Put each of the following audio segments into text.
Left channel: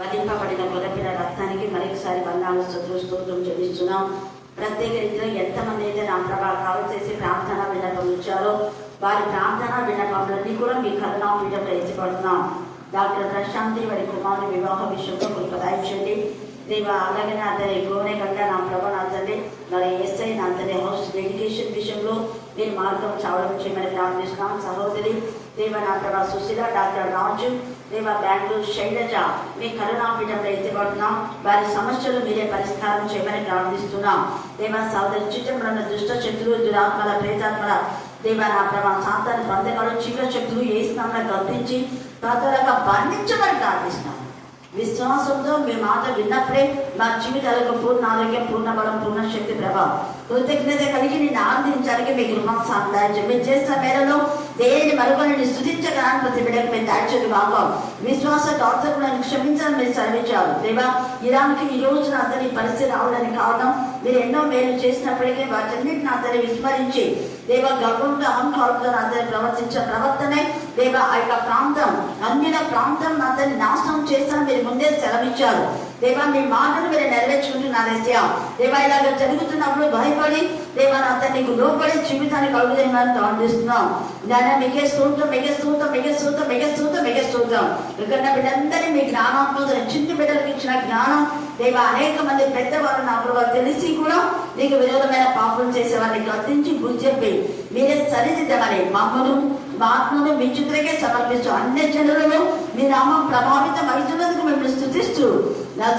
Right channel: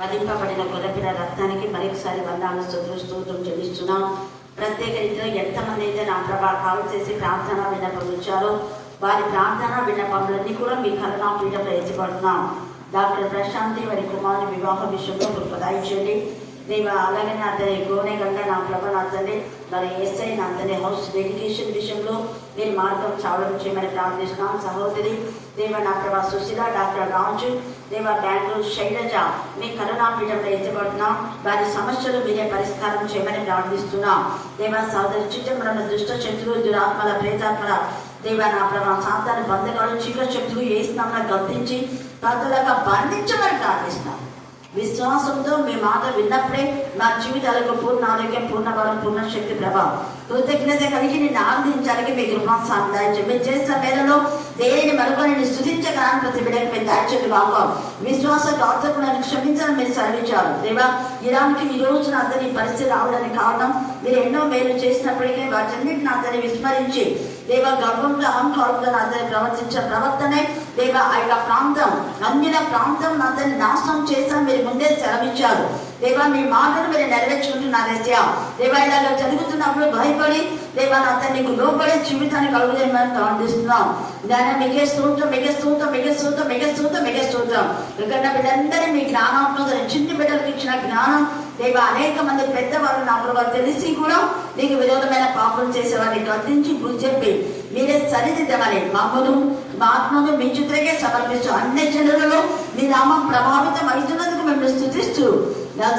వధింపబడిన గొర్రెపిల్ల రక్తానికి మరొకసారి వందనాలు స్తోత్రం చెల్లిస్తున్నాం. ప్రత్యేక రీతిలో ఎంతమంది అయితే నా ప్రభా కాల్ చేసి ప్రార్థన విన్నపం ఇచ్చారో వారి ప్రార్థన విన్నపములన్నీ కూడా మీ కరుణాపీఠంలో ఎత్తిపడుతున్నాం. డాక్టర్ ప్రశాంతి వారి కుమారు వివాహ విషయంలో మీరు ప్రదాయించండి దేవ. అలాగే అతని గోనెగంగా నా ప్రభ నాతని మరి ఎస్ఐ నాతని హౌస్ ఎడ్యుకేషన్ విషయంలో నేను మార్గం చావడం చేయమని ప్రార్థిస్తున్నాం. సహోదరి దేవ నా ప్రభా సుశీల, డాక్టర్ రాజు దేవ, బెంగళూరు శైలజ మీ కరుణాపీఠంలో ఎత్తిపడుతున్నాం. వారి సమస్యలు మీరే పరిష్కారం చేయమని ప్రార్థిస్తున్నాం. దేవ సహోదరి చిత్రంలో దుష్ట శత్రువులు, దురాత్మల, ప్రేతాత్మల దేవ నా ప్రభా సాతాను బంధకాలు, చీకటి శక్తులు ఏ స్నామం గర్తించి తదులాగా బంధించమని ప్రార్థిస్తున్నాం. విశ్వాసంతో మీ మాట విన్నప్పుడే మా జీవితాలకు పూర్ణ ఆరోగ్యం, పూర్ణ బలం, పూర్ణ శక్తి, ప్రభావం, కృతజ్ఞత కలిగి నిన్ను ఆనందించడానికి మీ గృహం సాధించండి. మీరు చేసిన మేరలో దేనిని మరొకరిని స్థుతించగానే ప్రతి బిడ్డకు మీరు దాచని వాకం విశ్వాస కాల్చకుండా క్షమించడం మీరు సర్వించారు దేవా. ఇరాన్కి ఈ రోజున అతని పరిస్థితి రావడానికి కారణం మీరు ఎన్నో మేలు చేసినప్పటికీ వాటన్నింటిని అతన్ని విస్మరించి దేవ గర్వంగా అహంకారంతో అతని ప్రవర్తించిన ప్రవర్తనే దేవ ఆ యొక్క ప్రాంతం అన్యుల ప్రాంతం అతన్ని నాశనం చేస్తాను మీరు ముందే సెలవిచ్చారు దేవా. మీ మాటను మీరు నెరవేర్చుకుంటున్నారు దేవా. ఇలాగ జరుగుతున్నప్పుడు భయపడి దేవా అతన్ని నీకు లోపడే జీవితాన్ని కలుగుదేమని ప్రార్థిస్తున్నాం. దాని మీకే స్తోత్రం, మీకే స్తోత్రం, మీకే స్తోత్రం, మీకే స్తోత్రం, మీకే స్తోత్రం. ఇక్కడ బిడ్డలందరినీ మీ జ్ఞానాత్మక చిన్న బిడ్డలకు ఇచ్చిన జ్ఞానం దేవ. అనేక మంది పెద్దవాళ్ళు నాకు తెలిసి కూడా నీకు విరోధమైన పాపం చేసేవారిని గర్తించి బుద్ధి చెప్పి మీరే సరిదిద్దమని మమ్మను మా ఆత్మను మీ చిత్రకే సమర్పిస్తూ అన్ని జనులలో మీ నామం ప్రభావితం అవుతున్నందుకు మేము స్తుతిస్తూ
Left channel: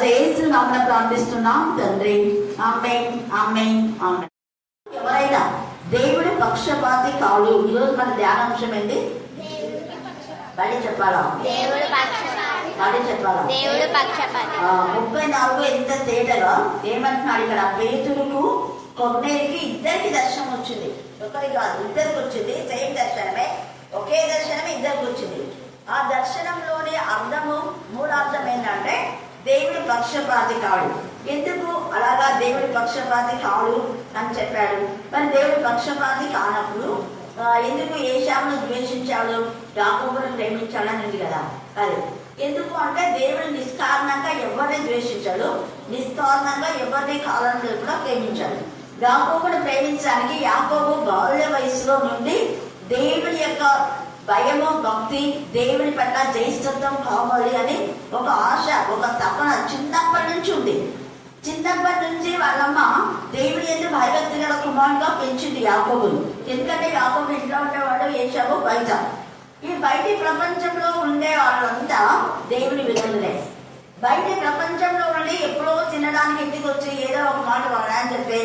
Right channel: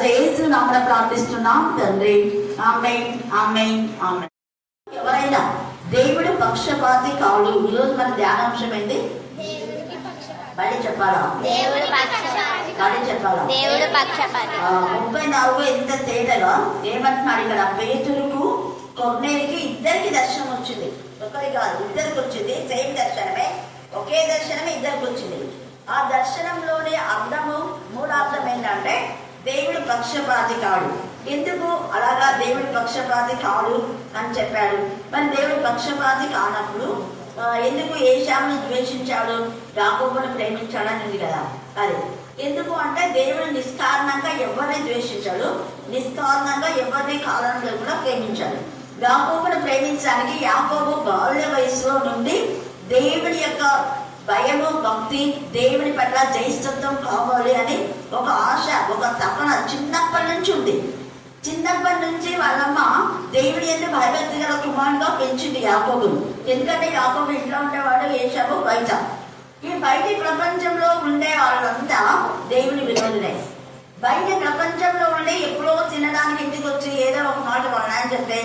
యేసు నామమున ప్రార్థిస్తున్నాం తండ్రి. ఆమేన్, ఆమేన్, ఆమేన్. ఎవరైనా దేవుడు పక్షపాతి కాదు. ఈరోజు మన ధ్యానాంశం ఏంటి? మళ్ళీ చెప్పాలా? మళ్ళీ చెప్పాలా? 34 ఎంత తేటగా ఏమంటున్నాడు ఇక్కడ? పేతురుకు కొర్నేలికి ఇద్దరికి దర్శనం వచ్చింది. ఒకరికి కాదు, ఇద్దరికి వచ్చింది. సేమ్ దర్శనమే, ఒకే దర్శనమే ఇద్దరికి వచ్చింది. ఆ దర్శనంలోని అర్థము మూడార్థం ఏంటంటే దేవుడు పక్షపాతి కాడు. ఎందుకు అలాగా దేవుడి పక్షపాతి కాడు అని చెప్పాడు? మరి దేవుడి పక్షపాతి కానప్పుడు ఎందుకు ఏశావును ద్వేషించాడు, యాకోబును ప్రేమించాడని ఉంది కదా. అది ఎందుకు అంటే దేవుడు నిష్కారణంగా ఎవరిని ద్వేషించాడు, నిష్కారణంగా ఎవరిని కారణంలో కూడా ప్రేమించాడు. యాకోబును ప్రేమించడానికి యాకోబు బాల్య వయసులో నుండి దేవుడి యొక్క భయము, భక్తి, దేవుని పట్ల జయిస్తత్వం కావాలి అని ఒక ఆశ, ఒక తపన చిన్నప్పటి నుంచి ఉంది. చిన్నప్పటి నుంచి వాళ్ళమ్మ దేవుడి ఎందుకు భయభక్తి గల కుమారుడుగా పెంచింది యాకోబును. ఎందుకంటే యాకోబు ఇంట్లో ఉండేవాడు, ఏశావు బయట. ఈ బయటి ప్రపంచంలో ఉండే వాళ్ళంతా దేవుని విరోధులే. బయట ప్రపంచంలో ఉండి ఎప్పుడో తినడానికి ఇంటికి వచ్చి ఏదో ఒక మాట వాడని చెప్పి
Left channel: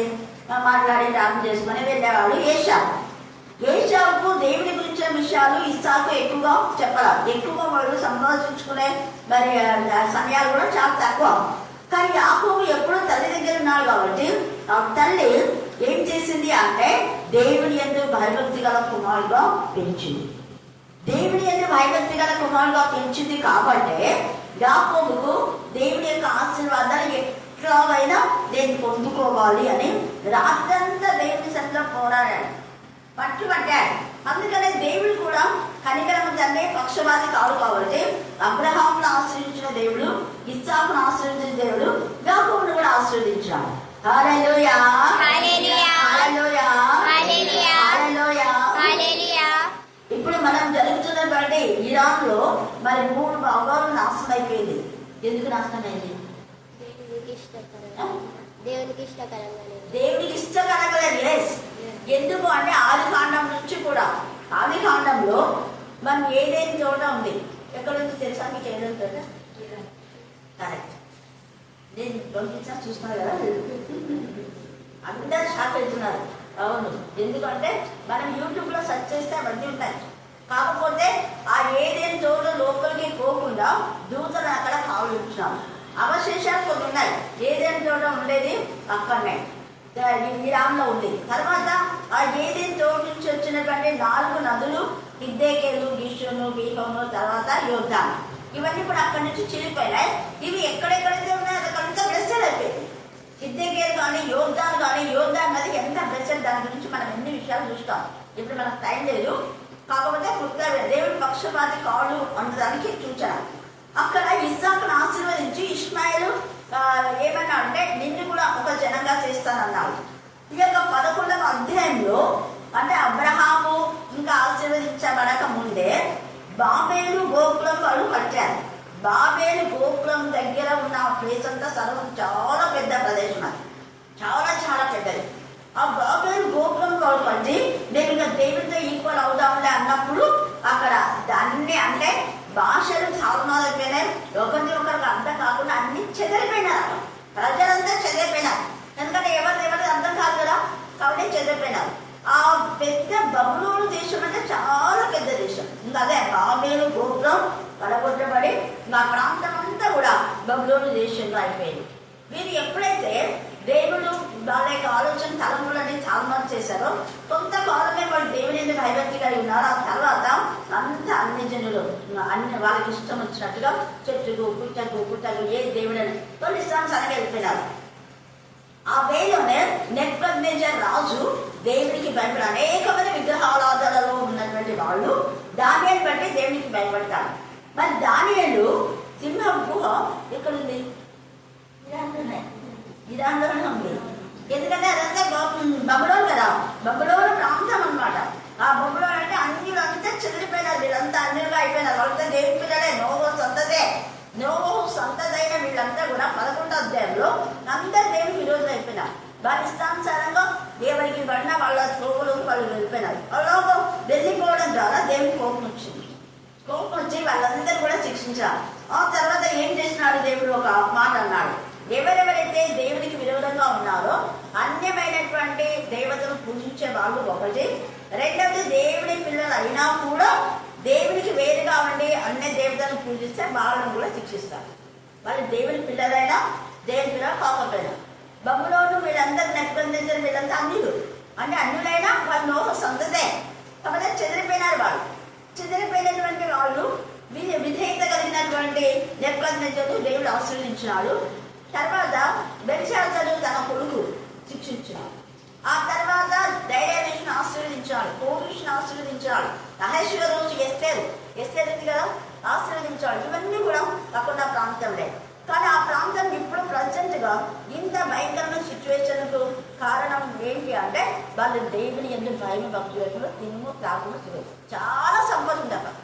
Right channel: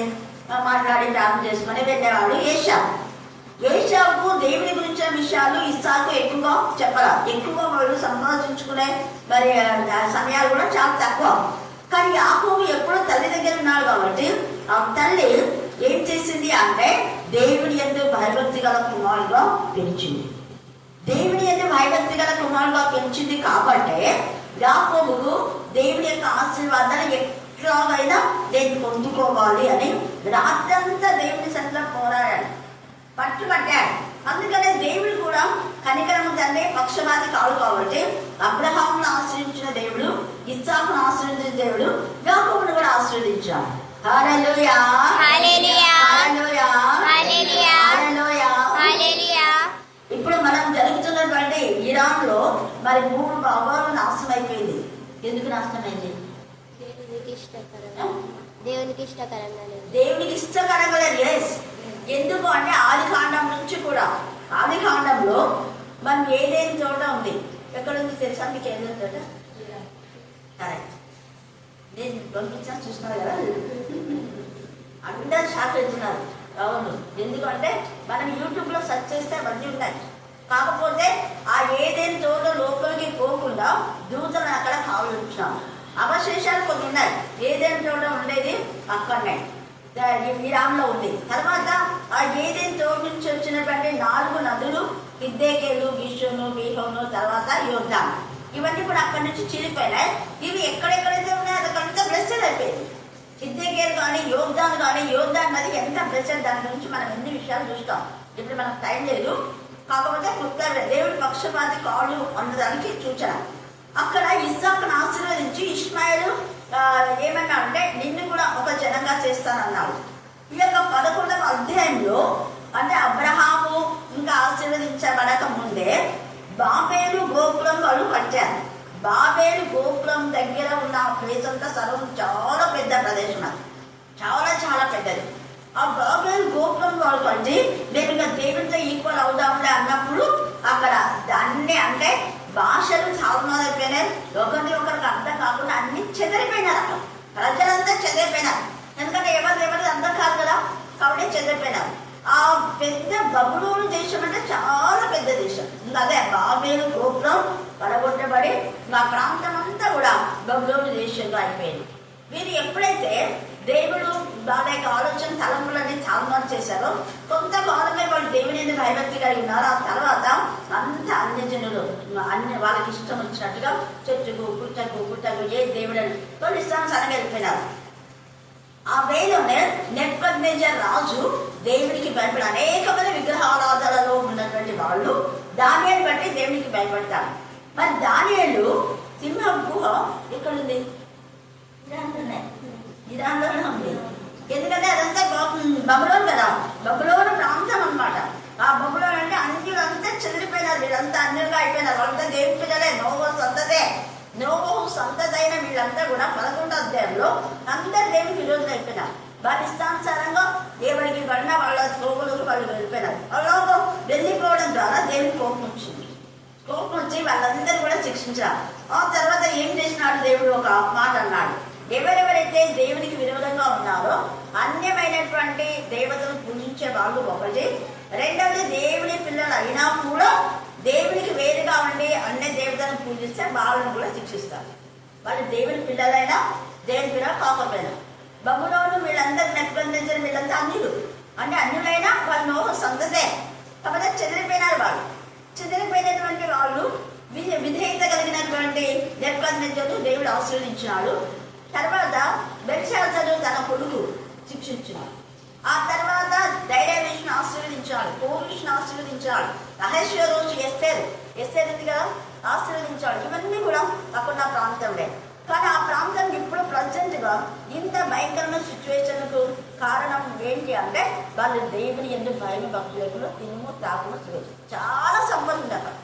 మాట్లాడి ప్రార్థన చేసుకుని వెళ్ళేవాడు ఏశావు. ఏశావుకు దేవుడి గురించిన విషయాలు ఇస్సాకు ఎక్కువగా చెప్పాల. ఎక్కువగా వాళ్ళు సంభాషించుకునే మరి సమయాలు కూడా చాలా తక్కువ. కానీ యాకోబు ఎప్పుడో తల్లి దగ్గర ఉన్నాడు కాబట్టి ఆ తల్లి ఏం చేసింది అంటే దేవుడి యందు భయభక్తి గల కుమారుడుగా పెంచింది. దేవుడి యందు భయభక్తి గల కుమారుడుగా పెంచింది కాబట్టి యాకోబుకు దేవుడి యొక్క ఆశీర్వాదాన్ని ఎట్లాగైనా నేను పొందుకోవాలి అని రాత్రంతా దేవుని సన్నిధిలో పోరాడాడు, పట్టుబట్టాడు. అందుకనే దేవుడు కూడా కనికరము తండ్రి పక్షపాతి కాదు కాబట్టి అబ్రహామును ఆశ్రయించిన దేవుడు, ఇస్సాకును ఆశ్రయించిన దేవుడు యాకోబును కూడా ఆశ్రయించాడు. హల్లెలూయా, హల్లెలూయా, హల్లెలూయా, హల్లెలూయా, హల్లెలూయా. ఇప్పుడు మనం జరుగుతున్నటువంటి ఇరాన్ లో మరి 3 భాగాలు నాశనం అయిపోయింది. ఎందుకు నాశనమైంది? దేవునికి ఇష్టకరంగా లేదు. ఎందుకు అంటే ఆదికాండం నుంచి కూడా, ఆదికాండంలో మనం ఏదేని చోట ఉంది. ఎక్కడ నుంచి తెలుసా మీకు? ఏదైనా చోట కరెక్ట్. నేను పంపించా చూస్తున్నారు కదా, అందరు షాక్ అవుతున్నారు. అవును, ఎందుకంటే మనం యూట్యూబ్ లో సెర్చ్ చేస్తే అవన్నీ ఉన్నాయి. కాకపోతే ఆ ఏదేని చోట లోపలికి పోకుండా దూతలు అక్కడ కావలించాం. అవశేషాలు కొన్ని ఉన్నాయి. ఏదేని చోట ఉండేది అక్కడనే ఇరాన్లో ఉంది. తర్వాత ఆ ఏదేని చోటు నుంచి వచ్చినటువంటి 4 నదులు హిద్దేకేలు, గిషోను, బీహోను, తర్వాత యోర్దాను, ఇవన్నీ కూడా అక్కడి నుంచి చిరిగిపోయినాయి. ఇవి ఎక్కడెక్కడైతే ఉన్నాయో అక్కడంతా బ్లెస్సెడ్ అయిపోయింది. హిద్దేకేలు కానీ యోర్దాను కానీ, యోర్దాన్ నది ఎంత బ్లెస్సెడ్, దాని గురించి మనం ఎన్ని విషయాలు చూస్తాం. ఇప్పుడు మనకు టైం లేదు. కాకపోతే దేవుడి పక్షపాతి కాళ్ళు అన్నదానికి సూచన. అక్కడ ఇస్సాకును ఆశీర్వదించి ఇష్మాయేలు ఏమన్నా అంటే నిన్ను కూడా ఒక జనంగా చేస్తానన్నాడు. ఈ యొక్క 11వ అధ్యాయంలో అంటే అబ్రహాము ఇంకా ఆశీర్వదించబడక ముందే బాబేలు గోకులం వాళ్ళు కట్టారు. బాబేలు గోకులం దగ్గర ఉన్న ప్లేస్ అంతా సర్వం చాలా పెద్ద ప్రదేశం, అది చాలా చాలా పెద్దది. ఆ బాబేలు గోకులం వాళ్ళు కట్టి నేను ఇంకా దేవుడితో ఈక్వల్ అవుదాంలే అన్నప్పుడు అక్కడ దాన్ని అంటే భాషలు సాగునాదైపోయినాయి, ఒకరికి అర్థం కాకుండా అన్ని చెదిరిపోయినారు. అక్కడ ప్రజలంతా చెదిరిపోయినారు, ఎందుకంటే ఎవరి అర్థం కాదు కదా, కాబట్టి చెదిరిపోయినారు. ఆ పెద్ద బబులోను దేశం అంటే చాలా పెద్ద దేశం. ఇంకా అదే బాబేలు గోపురం పడగొట్టబడి మా ప్రాంతం అంతా కూడా బబులోను దేశంలో అయిపోయింది. వీరు ఎప్పుడైతే దేవుడు వాళ్ళ యొక్క ఆలోచన తలంపులని చాలామంది చేశారో కొంతకాలమే వాళ్ళు దేవుని ఎందుకు భయభక్తి కలిగి ఉన్నారు. ఆ తర్వాత అంత అన్ని జనులు అన్ని వాళ్ళకి ఇష్టం వచ్చినట్టుగా చెట్టుకు పుట్టకు ఏ దేవుడని వాళ్ళు ఇష్టానుసారంగా వెళ్ళిపోయినారు. ఆ వేలోనే నెబుకద్నెజర్ రాజు దేవుడికి భయపడి అనేక మంది విగ్రహారాధనలో ఉన్నటువంటి వాళ్ళు దానియేలు బట్టి దేవుడికి భయపడతారు. మరి దానియేలు సింహం గుహ ఎక్కడుంది? ఇరాన్లోనే ఉంది. ఎందుకంటే అదంతా బబులోను కదా, బబులోను ప్రాంతం అన్నమాట. ఆ బబులోను అంటే అన్యులంతా చెదిరిపోయినారు, వీళ్ళంతా అన్యులుగా అయిపోయినారు. వాళ్ళంతా దేవుడి పిల్లలే, నోవహు సంతదైన వీళ్ళంతా కూడా 11వ అధ్యాయంలో అందరు దేవుడికి విరోధం అయిపోయినారు. వారి ఇష్టానుసారంగా దేవుడికి పడిన వాళ్ళ త్రోగులకు వాళ్ళు వెళ్ళిపోయినారు. వాళ్ళు వెళ్ళిపోవడం ద్వారా దేవుడికి కోపం వచ్చింది. కోపం వచ్చి వాళ్ళందరూ కూడా శిక్షించారు. ఆ తర్వాత ఏం చేసినాడు దేవుడు? ఒక మాట అన్నాడు, ఎవరెవరైతే దేవునికి విరోధంగా ఉన్నారో అన్యమైనటువంటి దేవతను పూజించే వాళ్ళు ఒకటి, రెండవది దేవుని పిల్లలు అయినా కూడా దేవునికి వేరుగా ఉండి అన్య దేవతను పూజిస్తే వాళ్ళను కూడా శిక్షిస్తారు. వాళ్ళు దేవుని పిల్లలైనా దేవుని పిల్లలు కాకపోయినా. బబులోను వీళ్ళందరూ నెబుకద్నెజర్ వీళ్ళంతా అన్యులు, అంటే అన్యులైనా వాళ్ళు సంతతే కాకపోతే చెదిరిపోయినారు. వాళ్ళు చెదిరిపోయినటువంటి వాళ్ళు విధేయత కలిగినటువంటి నెబుకద్నెజరు దేవుడు ఆశీర్వదించినాడు. తర్వాత బెల్షాజరు తన కొడుకు శిక్షించినాడు. ఆ తర్వాత దైర్యవేషను ఆశీర్వదించాడు, కోరుషుని ఆశీర్వదించాడు, అహశ్వేరోషు ఎస్తేరు ఉంది కదా ఆశీర్వదించాడు. ఇవన్నీ కూడా అక్కడ ప్రాంతంలో. కానీ ఆ ప్రాంతం ఇప్పుడు ప్రజెంట్ గా ఇంత భయంకరమైన సిచ్యువేషన్ కు కారణం ఏంటి అంటే వాళ్ళు దేవుని ఎందుకు భయం భక్తి లేకుండా తినుము తాగుము తిరుగు. చాలా సంపద ఉంది అక్కడ.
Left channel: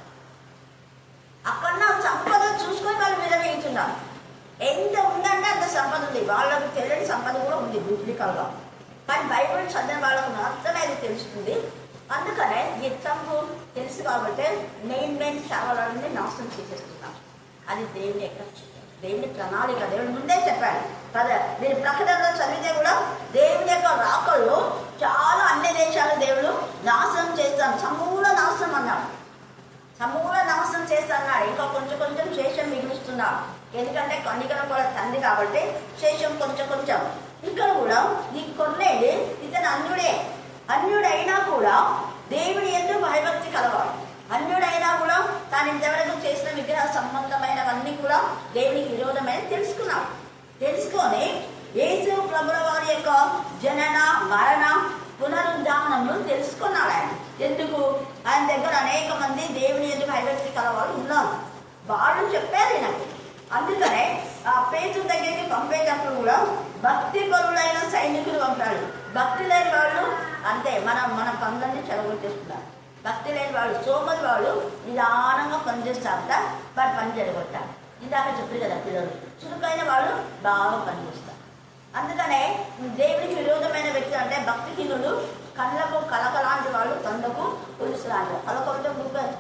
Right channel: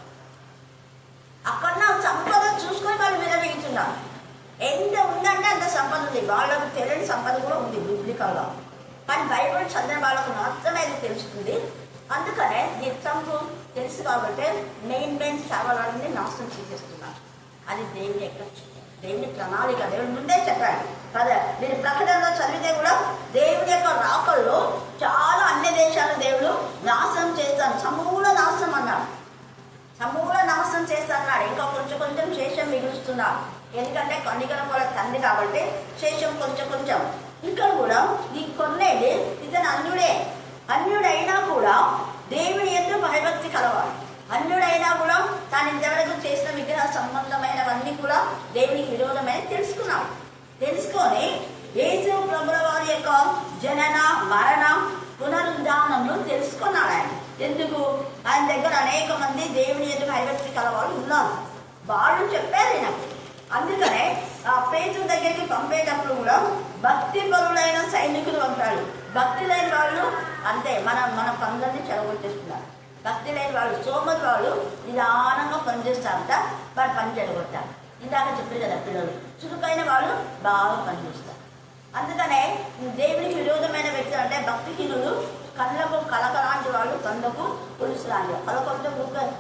అక్కడ సంపద చూసుకొని వాళ్ళు విరమించున్నారు. ఎంత ఉందంటే అంత సంపద ఉంది. వాళ్ళకు తెలియని సంపద కూడా ఉంది బిబ్లికల్ గా, కానీ బైబిల్ చదివిన వాళ్ళకు మాత్రమే అది తెలుస్తుంది. అందుకనే ఈ సంపు తెలుసు కాబట్టి మెయిన్ సేవలన్నీ నాశనం చేసేస్తున్నారు. అది దేవుని యొక్క దేవుని ప్రణాళిక. దేవుని ముందే చెప్పాడు కదా, మీరు ప్రకటనలో చదివితే కూడా దేవుని యొక్క రాకల్లో చాలా అన్ని దేశాల దేవుడు నాశనం చేస్తాను, సమూల నాశనం అన్నాడు. సమూల నాశనం చేస్తాడు. ఇంకా కొంచెం శేషం మిగులుస్తున్నాడు. ఎందుకంటే కన్నికల వాళ్ళ తండ్రి కాబట్టి శేషం కొంచెం. ఇక్కడ కూడా ఈ కొన్నేది ఇతను అన్యుడైనా కూడా దేవుని ఎందు భయభక్తి కలవాడు. అన్యుడైనా కూడా తాను ఇంతవరకు చేసిన విగ్రహ సంబంధమైనవన్నీ కూడా దేవునికి విరోధమైన తెలుసుకొని యేసు ప్రభుల వారి యొక్క జనన మరణ పునరుద్ధానములు తెలుసుకున్నాడు ఆయన. ఎందుకు? ఆయన దగ్గర అనేక మంది దేవుని ఎందు భయభక్తి కలవాళ్ళు ఉన్నారు. వాళ్ళు చెప్పారు నాకు. అందుకనే ఆ పేతురు దగ్గరికి పంపేటప్పుడు కూడా భక్తి పరులైన సైనికులు పంపాడు. భక్తి లేని వాళ్ళు అంతే మన పనులన్నీ చెడగొట్టేస్తున్నారు. భక్తి లేని వాళ్ళు సోమరి వాళ్ళు నిదానంగా పనిచేస్తారట, వారు పని చెడగొట్టారు. ఇందాక చెప్పారు కదా, పిల్లలు చురుకైన వాళ్ళు బాగా పనిచేస్తారు. అందుకనే దేవునికి విరోధమైన వ్యక్తులు అంటే భక్తిహీనులు, కళ్ళకు కలకలాంటి వాళ్ళు, కండకు పులుసు లాంటి వాళ్ళు. కలకంటే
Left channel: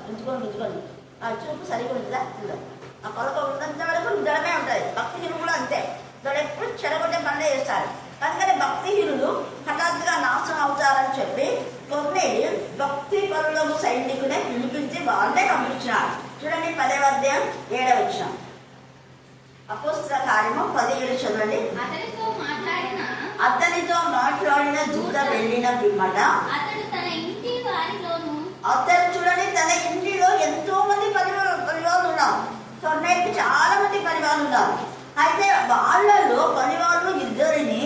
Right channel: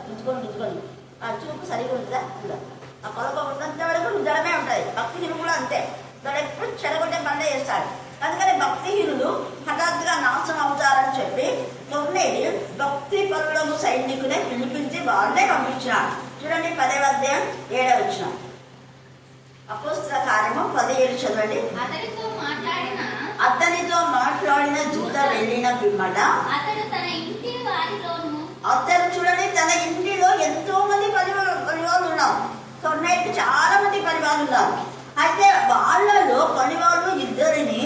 ఉంచుకొని ఆ చూపు సరిగా ఉంటుందా? ఉండదు. ఆ కొలక ఉన్నంత వరకు ఉండడమే ఉంటుంది. భక్తిహీనులు కూడా అంతే, వాళ్ళు ఎప్పుడు చెడగొట్టే పనులే చేస్తాడు. అందుకని భక్తిహీనులు హఠాత్తుగా నాశనం అవుతారని చెప్పి కొన్నేది భక్తి పరులకు సైనికునే పిలిపించి వాళ్ళే పంపించినాడు. చూడండి 10వ అధ్యాయం 7వ వచనం. అపోస్తల కార్యము 17 చదవండి. అతనితో మాట్లాడిన జూద వెళ్ళిన పిమ్మట అతను చూడండి తన ఇంటిలో ఎంతో మంది పనివాళ్ళు ఉన్నారు. కొన్నేటికి చాలా మంది పనివాళ్ళు ఉన్నారు. అయితే వాళ్ళలో పనివాళ్ళు ఇద్దరిని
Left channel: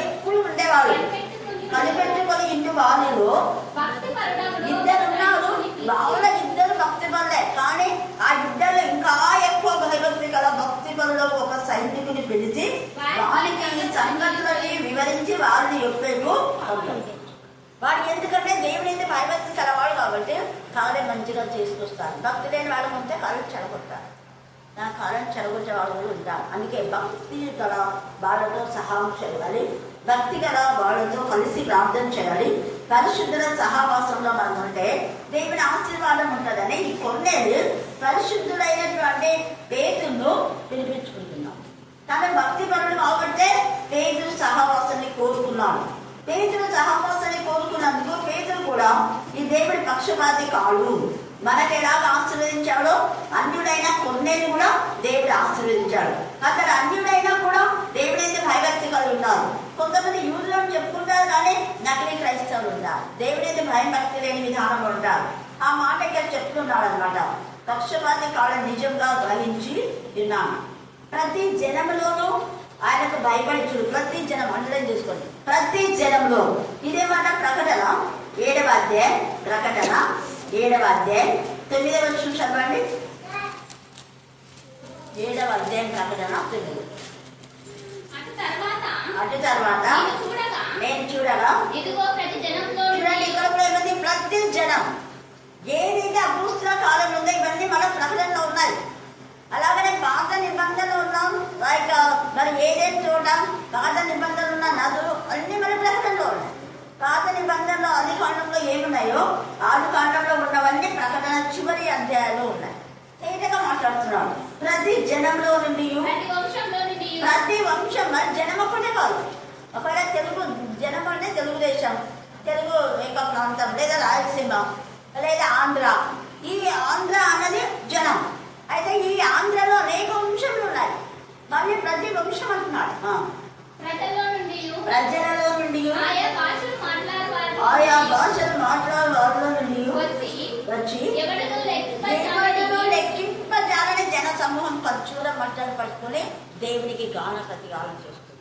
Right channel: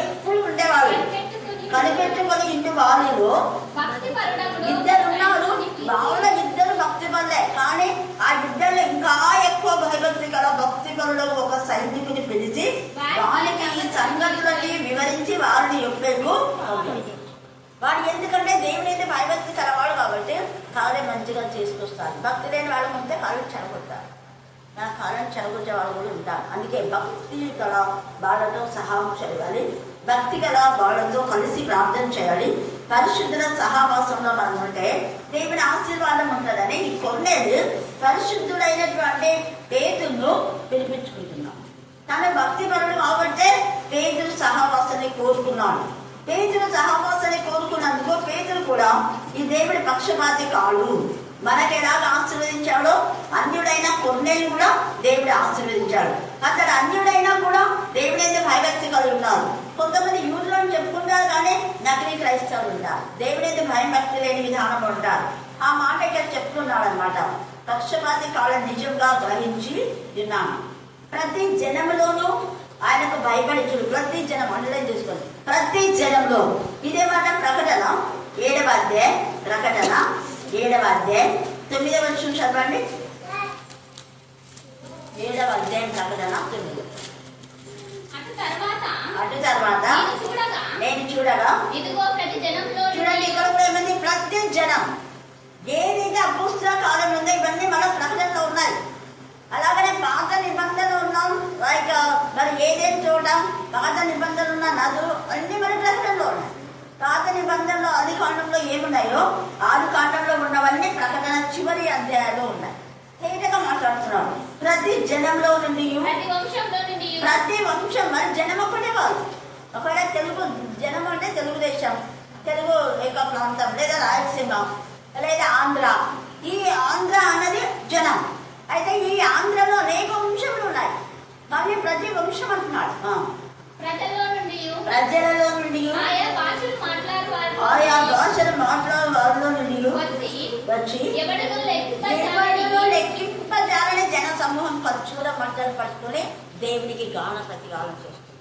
ఎప్పుడు ఉండేవాళ్ళు. కనిపెట్టుకొని ఇంటి వారిలో ఇద్దరు ఉన్నారు. వాళ్ళ ఇద్దరు భక్తి పనులే, కానీ సంగతులని వివరించి వారిని యొప్పేకు వాడు ఎందుకంటే దేవుడైతే భయభక్తి కలవాడు కాబట్టి కార్యం మంచిగా చేసుకొస్తారు. భక్తి లేని వాళ్ళు కొంటే కాలం చెడగొట్టారు. నా కాలం చెడగొట్టే వాళ్ళు కూడా ఉంటారు. అందుకే భక్తి గల వాళ్ళతో సహాయం చేయాలి, భక్తి గల వాళ్ళతో కలిసి ప్రార్థన చేయాలి. పరిశుద్ధుల సహవాసంలో మనం ఉంటే దేవుని ఆశీర్వాదం ఉంటుందని ఈ కొన్నేళ్ళు పరిశుద్ధుడైనటువంటి పేతురును పిలిపించుకుంటున్నాం. తన భక్తి పరుడు కాబట్టి పేతురు సహవాసాన్ని కోరుకున్నాడు. పేతురు సహవాసాన్ని కోరుకున్నందుకు పేతురు కూడా ఈ దేవుడి పక్షపాతి కాడు. మనకి ఎలాగ ఆశీర్వదించాడో అన్యుడైన కొన్నేళ్ళు కూడా దేవుడు ఆశీర్వదించాడు. అసలు అన్యుడైనా కూడా దేవుడైతే భయభక్తి కలిగి ఉన్నారు. కొంతమంది యూదులను చెప్పుకుంటారు కానీ నకిలీ క్రైస్తవులు ఉంటారు. దేవుడైతే భయభక్తి లేని విధానంలో ఉంటారు. ఆ మాట ఇక్కడ చెప్తున్నాడు అనమాట. పక్షపాతి కాలం నిజంగా గ్రహించి విన్నాను. ప్రతి జనములోనూ ఆయనకు భయపడి చూడు. ప్రతి జనం అండర్లైన్ చేసుకోండి. ప్రతి జనంలో ఇదే మాట ప్రకటన 7వ అధ్యాయం, ప్రకటన 7వ అధ్యాయం 9వ వచనం చదవండి. 7వ అధ్యాయం ప్రకటన 9. అటు తర్వాత నేను చూడగా చూడండి, ఇక్కడ కూడా ఏమంది? ప్రతి జనం. ఏదైతే అపోస్తుల కాలంలో ఉందో ఇవన్నీ మన ప్రకటనలో ఉన్నాయి. అలాగనే పాత నిబంధనలు ఉన్నాం. మరి ఏదేం చోట పాత నిబంధనలు ఉన్న నదులు అన్ని మన ప్రకటనలో ఉన్నాయి. పాత నిబంధనలో ఆది కాండంలో ఏమున్నాయో ఆది కాండంలో ఉన్నవన్నీ ప్రకటన చివరి అధ్యాయంలో ఉన్నాయి. తేటగా మాట్లాడుతున్నాడు. ప్రతి జనంలో నుండి, ప్రతి వంశం. మరి జనం ఒక్కటే కాదు. ఒకవేళ తెలుగు జనం అంటే తెలుగుదేశం, తెలుగు ఏక ప్రాంతం, లేదా రాయలసీమ, లేదా ఆంధ్ర. ఈ ఆంధ్ర అన్నది జనం. అయితే ఈ ఆంధ్రలో అనేక వంశములు ఉన్నాయి. మళ్ళీ ప్రతి వంశం అంటున్నాడు. ప్రజలలో నుండి ఆయా భాషలు మాట్లాడే వారిలో నుండి వచ్చి ఎవరిలో లెక్కింపజాలని జన సమూహం ఖర్జూర మట్టలు పట్టుకుని దేవునికి గాన ప్రతిగానం చేస్తుంది.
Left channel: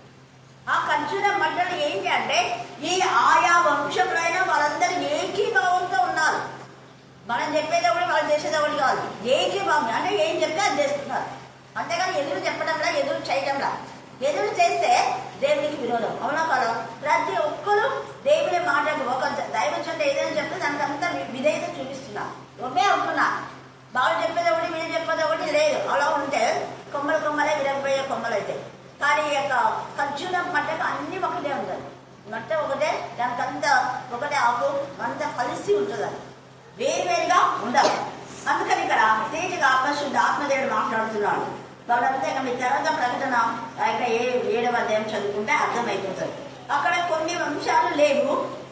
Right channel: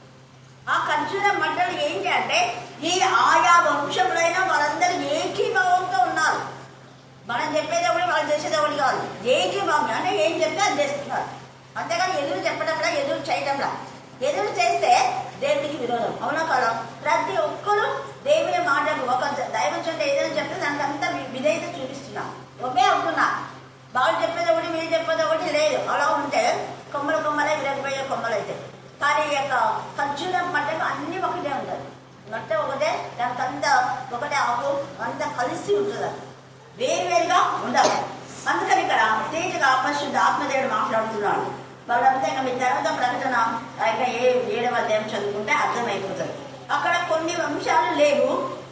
ఆ ఖర్జూర మట్టలు ఏంటి అంటే ఈ ఆయా వంశములైన వాళ్ళందరూ ఏకీభావంతో ఉన్నారు. మనం చెప్పేది ఒకటి, వాళ్ళు చేసేది ఒకటి కాదు. ఏకీభావం అంటే ఏం చెప్తే అది చేస్తున్నారు. అంతేగాని ఎదురు చెప్పడంలా, ఎదురు చేయటంలా. ఎదురు చేస్తే దేవునికి విరోధం. అవునా కదా? ప్రతి ఒక్కరు దేవుని మాటకు ఒక దైవజనుడు ఏదైనా చెప్తే దానికి అంతా విధేయత చూపిస్తున్నా, ఒకే అవుతున్నా. వాళ్ళు చెప్పేది ఒకటి, మీరు చెప్పేది ఒకటి లేదు. అలా ఉంటే కొమ్మలు కొమ్మలే విరగబోయే కొమ్మలు అయితే. కానీ ఈ యొక్క ఖర్జూరం మట్టకు అన్ని ఒకటే ఉంటుంది. మట్ట ఒకటే, దానికి అంతా ఒకటే ఆకు, అంతా కలిసి ఉంటుంది. అది వేరువేరుగా ఉండాలి. అందుకని ఇక్కడ తేజగా పరిశుద్ధ ఆత్మదేవుడు మాట్లాడుతున్నాడు. వాళ్ళంతా ఇక మీ తర్వాత ప్రకటన 7వ అధ్యాయం చదువుకుంటే అర్థమైపోతుంది. అక్కడ కొన్ని వంశాలు లేవు,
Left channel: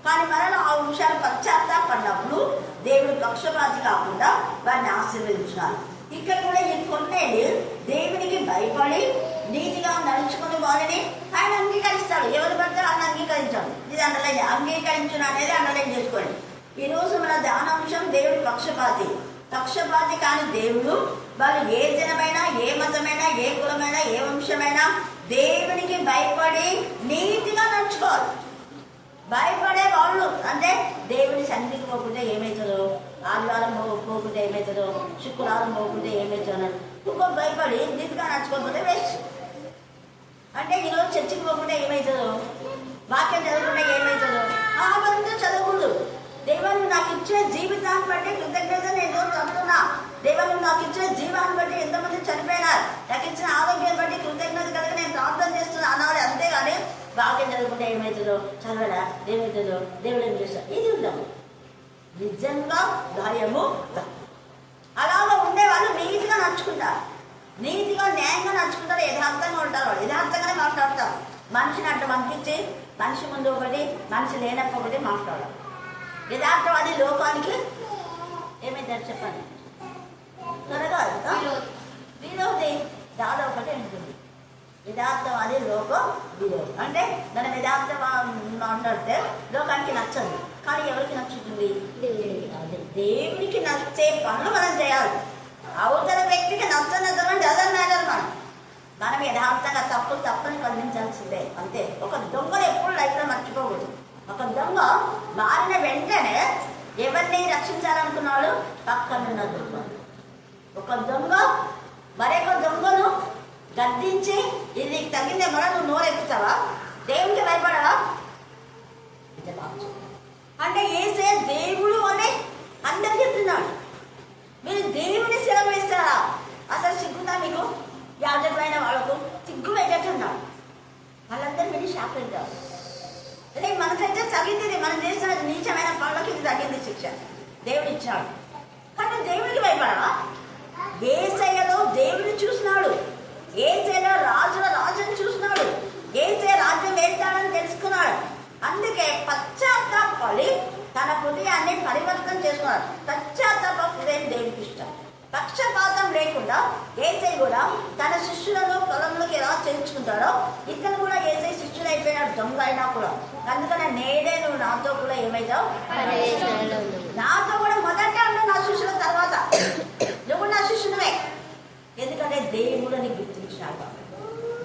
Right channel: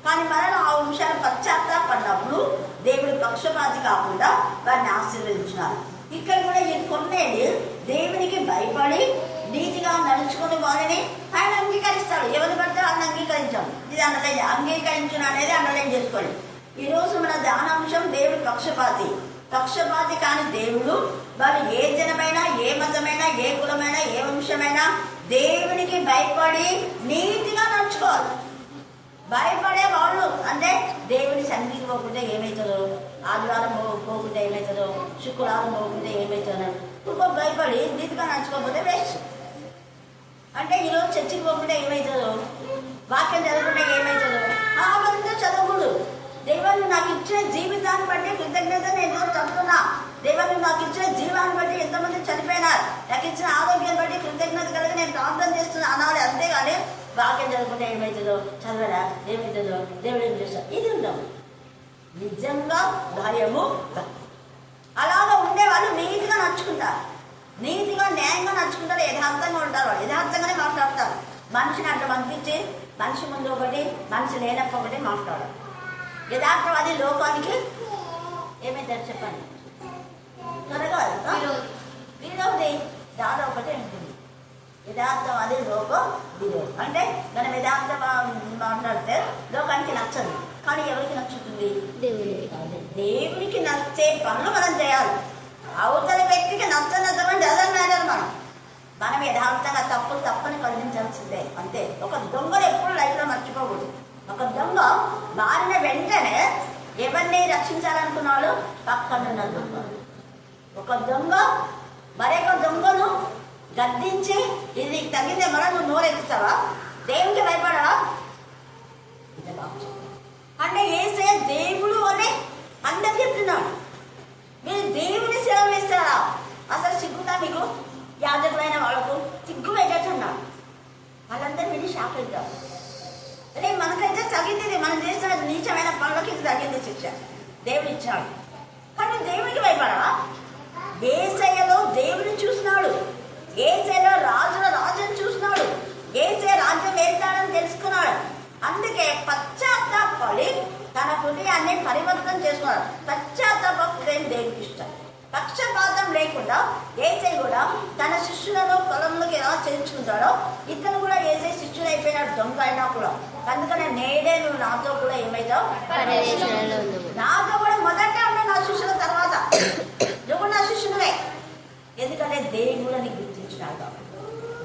కానీ మరలా ఆ వంశాలు పశ్చాత్తాపడినప్పుడు దేవుడు పక్షపాతి కాకుండా వారిని ఆశీర్వదించినారు. ఇక్కడ కూడా ఈ కొన్నేళ్ళు దేవునికి భయపడి నీతిగా నడుచుకుని వారిని ఆయన అంగీకరిస్తాడు. ఎవరు పడితే ఆయన అంగీకరించాడు. ఇది అండర్లైన్, అంగీకరించడం అనేది అండర్లైన్ చేసుకోండి. ఈ రోజు మన ధ్యానాంశం దేవుడు పక్షపాతి కాని దేవుడు. వాళ్ళు ఏ జనమైనా, ఏ మతమైనా, ఏ కులమైనా, ఏ వంశమైనా దేవునికి భయపడి నీతిగా నడుచుకోవాలి. భయపడే వాళ్ళు అంటే దేవుని సన్నిధికి పోకుంటే ఏమవుతుందో, ఆదివారం పోకుంటే ఏమవుతుందో, శుక్రవారం పోకుంటే ఏమవుతుందో ఇంకో భయపడి నీతిగా నడుచుకోకపోతే వేస్ట్. అంటే ఈరోజు చర్చికి పోకుంటే ఏమవుతుందో, వాక్యం చదువుకుంటే ఏమవుతుందో అవంతా చదవకూడదు. దేవుడు నాకు ఇచ్చే జీవితాన్ని బట్టి కృతజ్ఞత నేను చదువుతున్నా. దేవుడు నాకు ఇచ్చే జీవాన్ని బట్టి ఎంతమంది చనిపోయినారు, నాకు ఇచ్చిన ఆరోగ్యాన్ని బట్టి కృతజ్ఞత కలిగి నేను ప్రార్థన చేస్తున్నా అనాలి. అంతేగాని వాక్యం చదువుకుంటే ఏమవుతుందో, చదవరా ఏమవుతుందో, దేవుడు ఏం చేస్తా, ఇది ఉండవు. నిజంగా భయము. అలాగా ఉండేవాళ్ళు నీతిగా నడుచుకుంటారు, నీతిగా న్యాయంగా నడుచుకుంటారు, యథార్థంగా ఉంటారు. వాళ్ళు యథార్థంగానే మాట్లాడతారు. మనిషిని అట్లా పంపించి మనిషి ముందు ఒకటి, మనిషి లేనప్పుడు ఒకటి మాట్లాడాలి. యథార్థవాది లోకానికి ఏమైతారు చెప్పండి, త్వరగా విరోధి. దాని ఒకటే ఉంటుంది, యథార్థవాది లోకం విరోధి. అంటే మనం యథార్థ మాట్లాడితే లోకానికి నచ్చదు, కానీ ఎవరికి నచ్చుతుంది? దేవునికి నచ్చే పనులు మనం చేయాలి. అవతల వ్యక్తికి నచ్చనటువంటి డజన్ మ్యాటర్. మనం యథార్థంగా తప్పని ఖండించాల్సిందే, అంతే. ఒక దొంగను ఎప్పుడు లైఫ్లో మర్చిపోకూడదు. ఒక దొంగ మారిన వెంటనే ఎవరిని రక్షించాలనుకున్నాడు? పక్కనున్న దొంగ. ఒక దొంగ మరొక దొంగను గద్దించి ఇది నీకు తగ్గిందే, మళ్ళీ నువ్వు నోరెత్తుతావా? దేవునికి భయపడవా? అంటే యేసయ్య దేవుడు అని అందరు చెప్తున్నాడు. మీరు దేవుని సేవ చేస్తారా? అసలు సిగ్గుతా మీకు? యాజకులైన వాళ్ళకు సిగ్గు పెట్టేట్టున్నాడు. వాళ్ళందరూ విని షాక్ అవుతారు. అదే మనకైతే తగ్గింది, మనం చేసిన నీచమైన పనులకి ఇది తగ్గింది శిక్ష దేవుడు ఇచ్చాడు. కానీ దేవునికి భయపడవా? యేసయ్యలో దేవుని చూసినాడు, యేసయ్యలో రాజుని చూసినాడు, యేసయ్య రాజ్యం వెళ్తాడని తెలుసుకున్నాడు. అందుకే పశ్చాత్తాపడి తన హృదయాన్ని పరివర్తన చేసుకున్నాడు. పశ్చాత్తాప హృదయం దేవునికి ఇష్టం. పక్షపాతం లేకుండా యేసయ్య కూడా తన శిష్యులను పొలంలోకి ఎలా చేర్చుకుంటాడో ఇతను కూడా యేసయ్య శిష్యులు అయిపోయినాడు, దొంగ అయినా కూడా. అందుకని నేడే నువ్వు నాతో కూడా ఏమైతావు? నాతో కూడా మొదట ఉన్నావు నా శిష్యుల తర్వాత. నువ్వు నా శిష్యునివే. ఎందుకంటే దేవుడని గుర్తించినాడు కాబట్టి.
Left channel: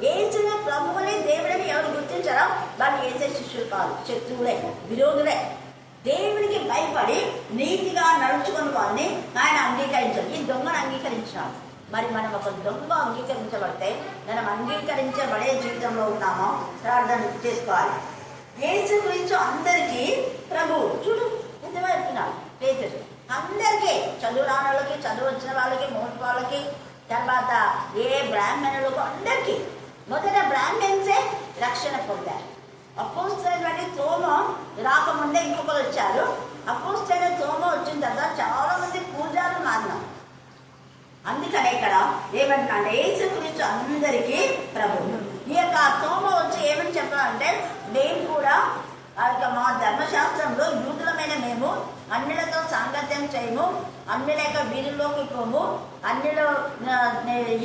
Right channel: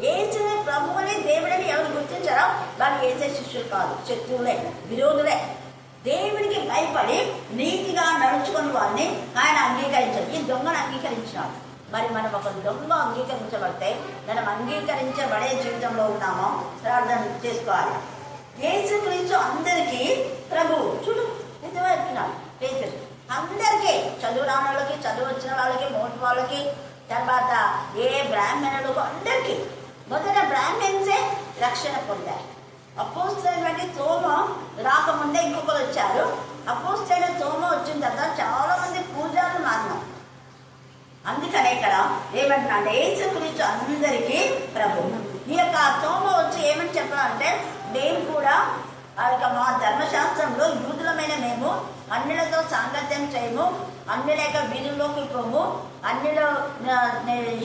యేసయ్య ప్రభువుని దేవుడని ఎవరు గుర్తించారో వాళ్ళు యేసయ్య శిష్యులు కాదు, శత్రువులే, విరోధులే. దేవుడికి భయపడి నీతిగా నడుచుకుని వారిని ఆయన అంగీకరించాడు. ఈ దొంగను అంగీకరించినాడు. మరి మనం ఒక దొంగ అంగీకరించబడితే మనం అంగీకరించబడే జీవితంలో ఉన్నామో ప్రార్థన చేసుకోవాలి. యేసుక్రీస్తు అందరికీ ప్రభు. చూడు ఎంత చెప్తున్నాడు పేతురు. అందరికీ, చదువు రాని వాళ్ళకి, చదువు వచ్చిన వాళ్ళకి, మోటి వాళ్ళకి, తర్వాత ఏ బ్రాహ్మణులకు అందరికీ. మొదట బ్రాహ్మణ్సే రక్షణ పొందారు. అపోస్తలుడైన తోమ రాకముందే ఇంకొకరు వచ్చారు. అపోస్తలుడైన తోమ వచ్చిన తర్వాత చాలా మంది పూజారులు మారినాం. అందుకనే ఇక్కడ ఏమంటున్నాడు? యేసుక్రీస్తు అందరికీ ప్రభు. ఈ యొక్క తోమ వచ్చి ఏమని చెప్పాలంటే, మేము కూడా మా ధర్మశాస్త్రంలో యూదులమైన మేము అన్యులతో సాంగత్యం చేయము, అన్యుల యొక్క వీధుల్లోకి పోము, అన్యులు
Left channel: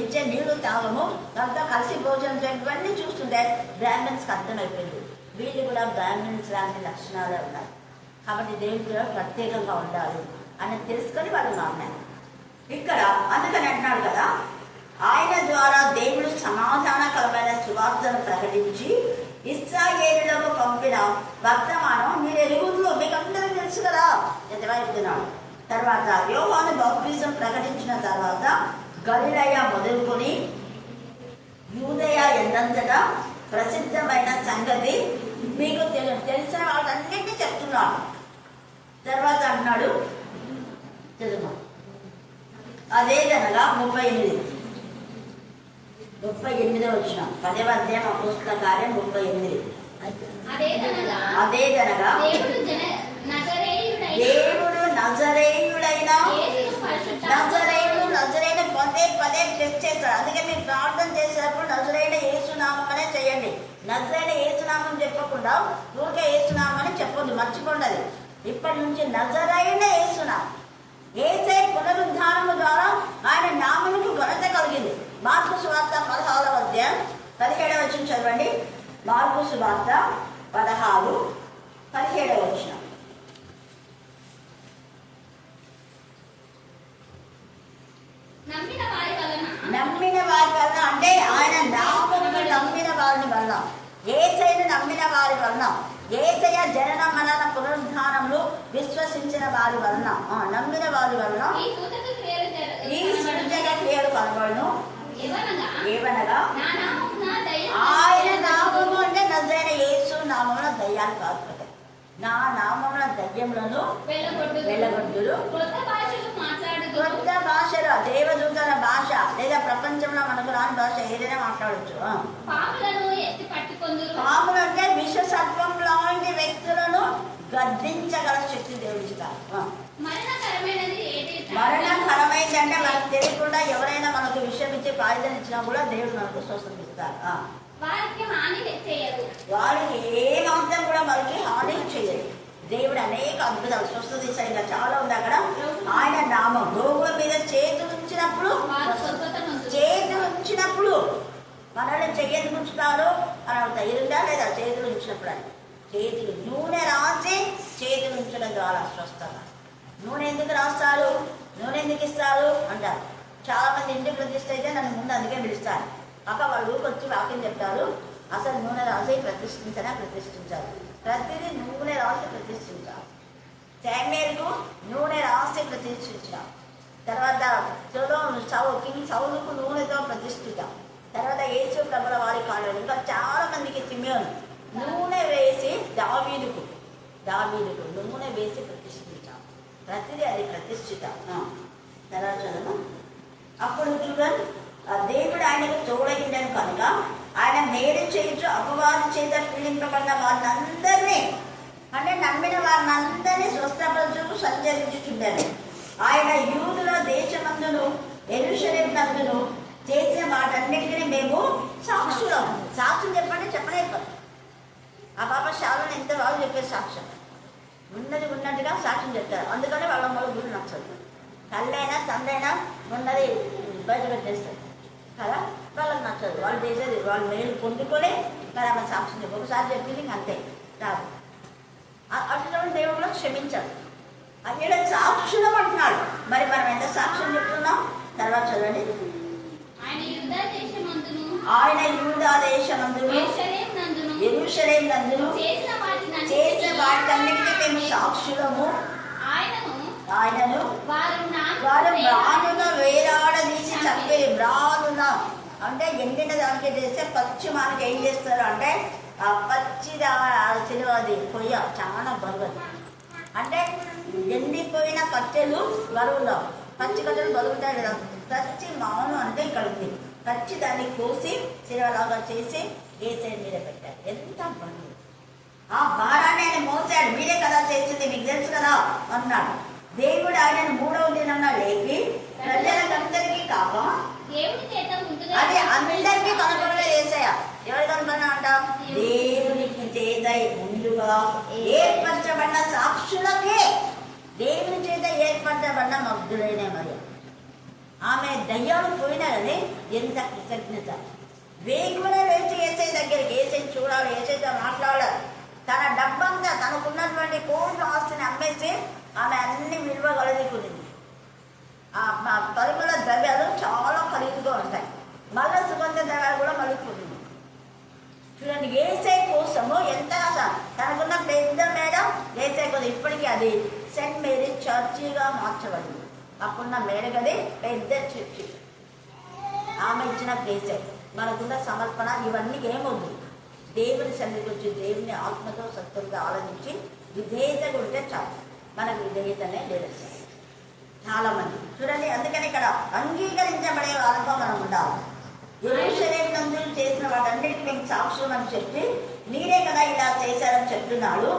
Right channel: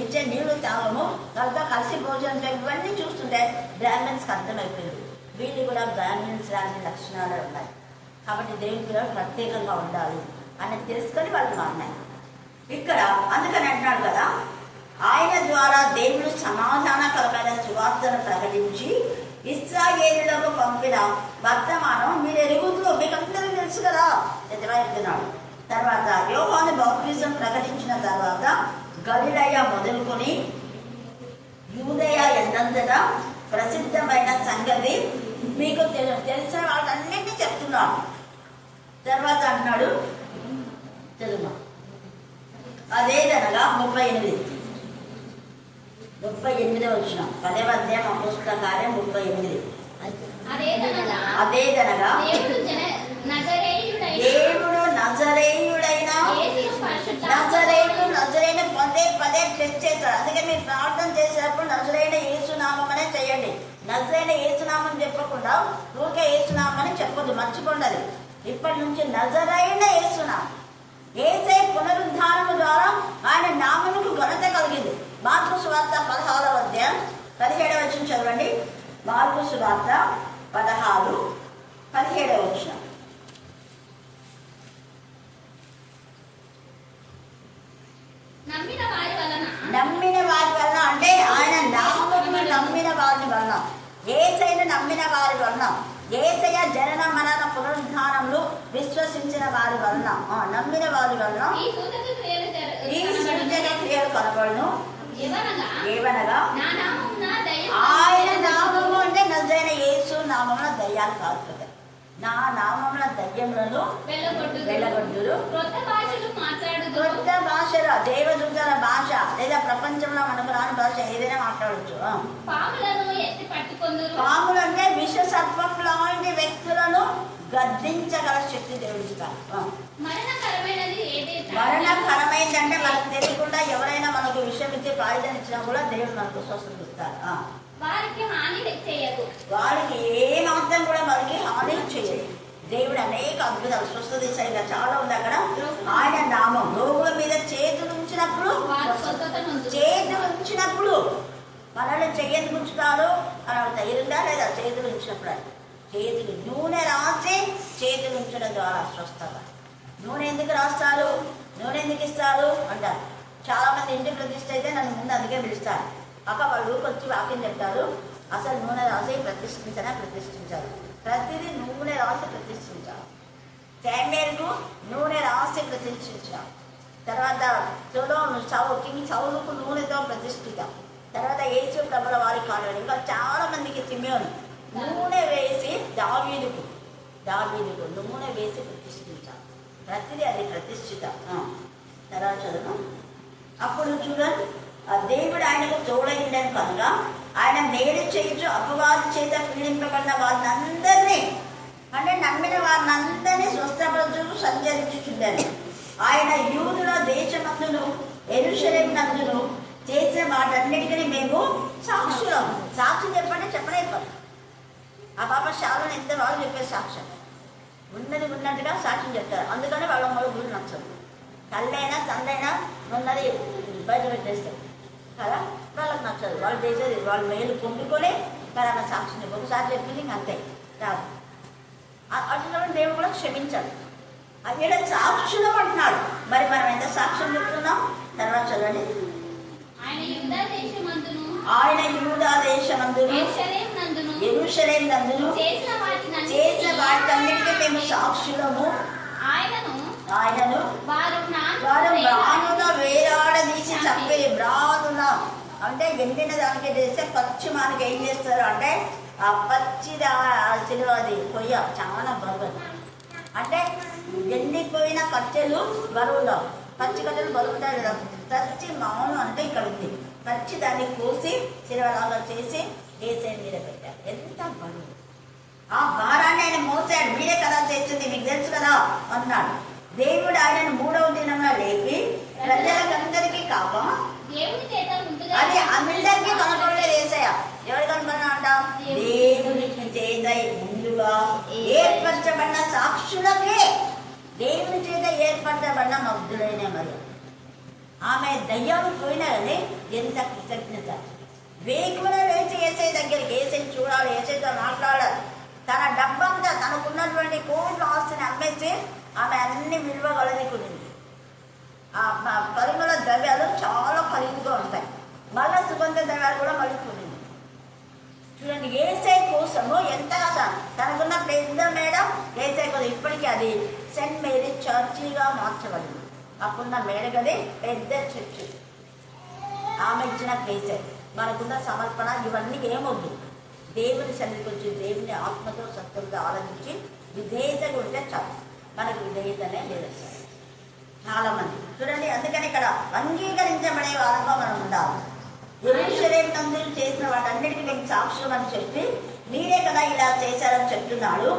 ఇచ్చే నీళ్లు తాగము, వాళ్ళతో కలిసి భోజనం చేయము. ఇవన్నీ చూస్తుంటే బ్రాహ్మణ్స్కి అర్థమైపోయింది, వీళ్ళు కూడా బ్రాహ్మణ్స్ లాంటి లక్షణాలే ఉన్నాయి. కాబట్టి దేవుని కూడా ప్రత్యేకంగా ఉండాలి అని తెలుసుకొని వాళ్ళు మారినారు. ఇక్కడ అందుకని అంటున్నాడు కదా, ఆయన ద్వారా దేవుడు సమాధానకరమైన సువార్తను ప్రకటించి ఇశ్రాయేలులకు పంపిన వర్తమానం మీరు ఎరుగుతులో మీకు అందరికీ తెలుసు కదా ఎదువైపుతున్నాడు. తర్వాత యోహాను బాప్తిజం ప్రకటించిన తర్వాత గలిలయ మొదలుకొని యూదయ ఎన్నంతటా ప్రసిద్ధమైన సంగతి మీకు తెలిసిన వాళ్ళన్నింటినీ చెప్తున్నాడు. తర్వాత అన్నాడు చదువు అదేదనగా 38 వచ్చిన 10వ అధ్యాయం అపోస్తల కార్యం 38. అదేదనగా దేవుడు నజరేయుడైన పదే టెస్ట్ చేస్తాడు. అందుకే మీరు ప్రార్థన చేసేటప్పుడు నజరైన యేసునామనే చేయండి. నజరైన యేసునామం చెప్పకుండా ఊరికే యేసునామని చెప్పొద్దు, మర్చిపోండి. అది ఇప్పటి నుంచి నజరైన యేసునామం. యేసయ్య పునరుద్ధానము ద్వారా ఆయన నామముకు ఘనత కలిగింది. మార్కు సువార్త 16వ అధ్యాయం 17వ వచనం చదవండి. మార్కు సువార్త 16:17 వచనం. నమ్మిన వారి వలన అంటే ఆయన నామమును నమ్మిన వారి వలన, యేసయ్యను నమ్మిన వారి వలన, యేసయ్య జనన మరణ పునరుద్ధానములు విశ్వసించిన వారి వలన, నమ్మిన వారి వలన ఈ సృజన క్రియలు కనబడును. ఏవనగా ఆయన నామము అంటే నజరైన యేసు నామమున దయ్యాలు కాదు కదా, నా నామమున దయ్యములను వెళ్ళగొట్టురు. కొత్త భాషలు, దేవదూతల భాష లేదా ప్రపంచంలో మనకు రాని భాష ఏదైనా మాట్లాడచ్చు. పాములు అంటే విష సర్పం లాంటి వ్యక్తులను గద్దించగల శక్తి దేవుడిస్తారు. మరణకరమైందంటే మనకు తెలియకుండా ఎవరైనా మనకు విషయం ఇచ్చి ప్రాయుధం ఇచ్చినా కూడా దేవుడు మనకు స్వస్థత ఇస్తారు. వారికి ఏ మాత్రం కూడా మనకి హాని చేయదు. దేవుడు అనేక అద్భుతాలు స్వస్థత ఇస్తాడు. ఇంకా చాలా ఉంది అక్కడ. ఆయన నామం రోగుల మీద చేతులు ఉంచినప్పుడు మనల్ని చెయ్యని ఉంచుతారు అని తగిలిందా లేదా? చేతులు ఉంచినప్పుడు అని చేతులు నూనె రాసి చేతులు ఉంచడం ద్వారా స్వస్థత. నూనె ఎందుకు రాస్తారు, నూనె ఎందుకు ఇస్తారు అంటారు. చాలా మంది ఇంటి ప్రతిష్ఠ అయితే నన్ను ముందు అందుకే పిలుస్తారు. అక్క వాళ్ళు ఊరికి వచ్చి వాక్యం చెప్తారు. అసలు నూనె రాసి ప్రతిష్ఠించాలి. ప్రతిదీ నూనె రాసి ప్రతిష్ఠించాలి. శామ్యూయలుకు నూనె రాసి ప్రతిష్ఠించాం. తర్వాత కింగ్ సౌలుకు నూనెతో ప్రతిష్ఠిత. తర్వాత యేసు ప్రభుల వారి కాలంలో ఇంకా చాలా మందికి సిమియోను నూనె వేసి దావీదుకు నూనె వేసి ప్రతిష్ఠించాలి. ప్రతిదీ అది ప్రతిష్ఠిత. తర్వాత చదువు. అప్పుడు చూడండి, ఆ దేవుడు ఆయనకు తోడైండను కనుక ఆయన మేలు చేయించు అపవాది చేత పీడింపబడిన వారినందరినీ, అంటే నమ్మిన వారినందరినీ స్వస్థపరచు సంచరించుచుండెను. ఆయన యూదుల దేశమందును యెరూషలేము నందును చేసిన వాటన్నిటికీ మేము సాక్షులం. సాక్ష్యం చెప్పనైపోతుంది. ఆ పాప శాలను ఎంత బాగా చెప్పే సాక్ష్యం, ఉన్నది ఉన్నట్టుగా సాక్ష్యం చెప్తారు. అందుకని వాళ్ళ మొదలు నచ్చదు. తల్లైనా తండ్రైనా ఉన్నది బయట పెట్టేస్తారు కదా, వాళ్ళకి నచ్చదు. వాళ్ళు చేసేది వాళ్ళు మేలు పొందుకొని మరి ఆమె సాక్ష్యం చెప్పి ఒకసారి చెప్పింది అంతే రాదు. అట్లా దేవుడు కూడా క్షమించాడు. అక్కడ సాక్షులం అంటున్నాడు. మరి మనం ఎంత సాక్ష్యం చెప్తున్నాం? తర్వాత చదవండి. ఆయన యూదా దేశమందును యెరూషలేము నందును చేసిన వాటికన్నిటికీ మేము సాక్షులము. ఆయనను వారు బ్రానున వేలాడదీసి చంపేది. బ్రానున అంటే ఎండిన దానికి చేస్తే పచ్చి మనకి ఏం చేస్తారు అంటే ఆ పచ్చి సిలువ, అది కొయ్య చాలా బరువు. అంటే ఎండిపోయిన కట్టెలు బరువులో, పచ్చి కట్టెలు బరువుతాయి కదా. పచ్చి మాను అంటే ఇక్కడ ఉంది. పచ్చి దాన్ని కోసి సిలువలాగా చేసి ఏసై మీద పెట్టారు. ఎంత బరువు! ఆ భారాన్ని ఆయన మోసాడు. మీరే కదా చేస్తుంది, మీకు తెలుసు కదా అన్నాడు. దేవుడు ఆయనను 3వ దినంలో లేపి ప్రజలకందరికీ కాక, అది అందరికీ కనపడలేదు యేసయ్య. ఎవరు కనపడినా అంట? దేవునికి చేత ముందుగా ఏర్పరచబడిన సాక్షులకే, దేవుని చేత ఏర్పరచబడిన మగ్ధులైన మరి ఆమె దయ్యాలు పోయినా కానీ ఎంత కృతజ్ఞత! వేకువనే లేచి యేసయ్య దగ్గరికి, యేసయ్య చూడాలి, యేసయ్యతో మాట్లాడాలి. తన డబ్బంతా, తనకున్నటువంటి కోట్ల ఆస్తిని అమ్మేసి ఆమె అన్ని విలువ కలదికునింది. ఆ పరిమళ ద్రవ్యాలు చాలా ఖరీదుగా ఉంటాయి. మళ్ళీ సుగంధ ద్రవ్యాలు కూడా మళ్ళీ కొనింది. చూడండి, యేసయ్య కోసము ఎంతగా తనకున్న పెద్ద మేడం యేసయ్య కోసం ఇప్పటికీ అది సెయింట్ మేరీ చర్చిగా మార్చబడింది. అప్పుడున్న మేడగది పెద్ద చర్చి. ఆమె ఇచ్చిన ప్లేసే. మనకున్న సమర్పణ ఇవన్నీ ఏమొద్దు. దేవుని సన్నిధికి వచ్చి దేవుని ఆత్మతో సత్తులతో ఆలోచించి విధేయతగా ఉంటే చాలు. మనకు విధేయతనే లేదు సార్ చాలా మంది. చూడండి, అందుకని ఇక్కడ అంగీకరించబడే వారంగా మనం ఉండాలి. యెరూషలేము నందు చేసిన వాటన్నిటికీ మేము సాక్షులం అని చెప్పి మీరే కదా ఇలా చేశారని చెప్తున్నాడు.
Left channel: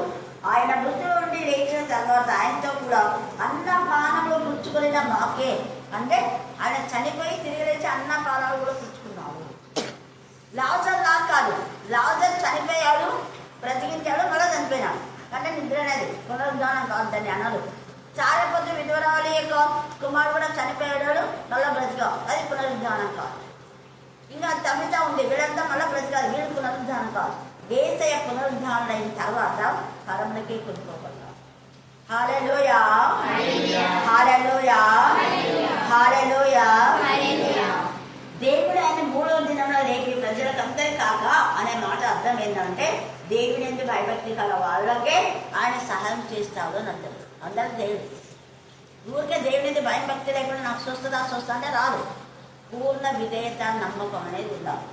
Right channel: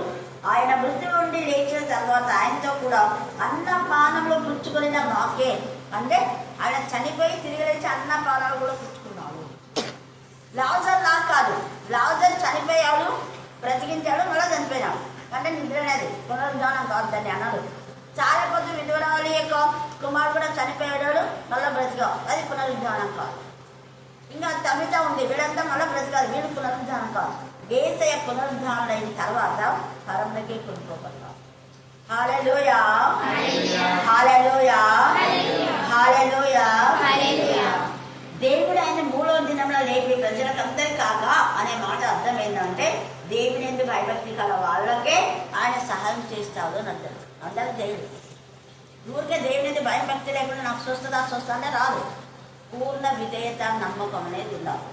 ఆయన మృతుల నుండి లేచిన తర్వాత ఆయనతో కూడా అన్నపానములు పుచ్చుకున్న మాకే, అంటే ఆయన చనిపోయి తిరిగి లేచి అన్నపానాలు కూడా పుచ్చుకున్నాడు. లాజర్ లా కాదు, లాజర్ చనిపోయాడు, బ్రతికించాడు, మళ్ళీ చనిపోయినాడు. అంటే నిద్ర అనేది పునరుద్ధానం కాదు, దాన్ని అనరు. చాయపొద్దు విధవరాలి యొక్క కుమారుడు కూడా చనిపోయాడు, మళ్ళీ బ్రతికావు, అది పునరుద్ధానం కాదు. ఇంకా తమిత ఉంది, వీళ్ళంతా మళ్ళీ బ్రతికాదు, వీళ్ళు పునరుద్ధానం కాదు. యేసయ్య పునరుద్ధానం అయిన తర్వాత పరమునకే కొనుక్కోబడ్డాడు. హల్లెలూయా, హల్లెలూయా, హల్లెలూయా. దేవుడు ఆయన 3వ దినంలో లేపి ప్రజలకందరి కాక అనే మాట అర్థం ఏంటంటే దేవుని ఎందుకు భయభక్తి కల వాళ్ళకే ఆయన సహాయం చేస్తాడు అని అర్థం. అందరూ చేయడు. ఊరికే దేవుని ఎందుకు భయం భక్తి లేకుండా నాకు స్వస్థత అంటే రాదు. పూర్ణ విధేయత, నమ్మకం అనేది ఉండాలి.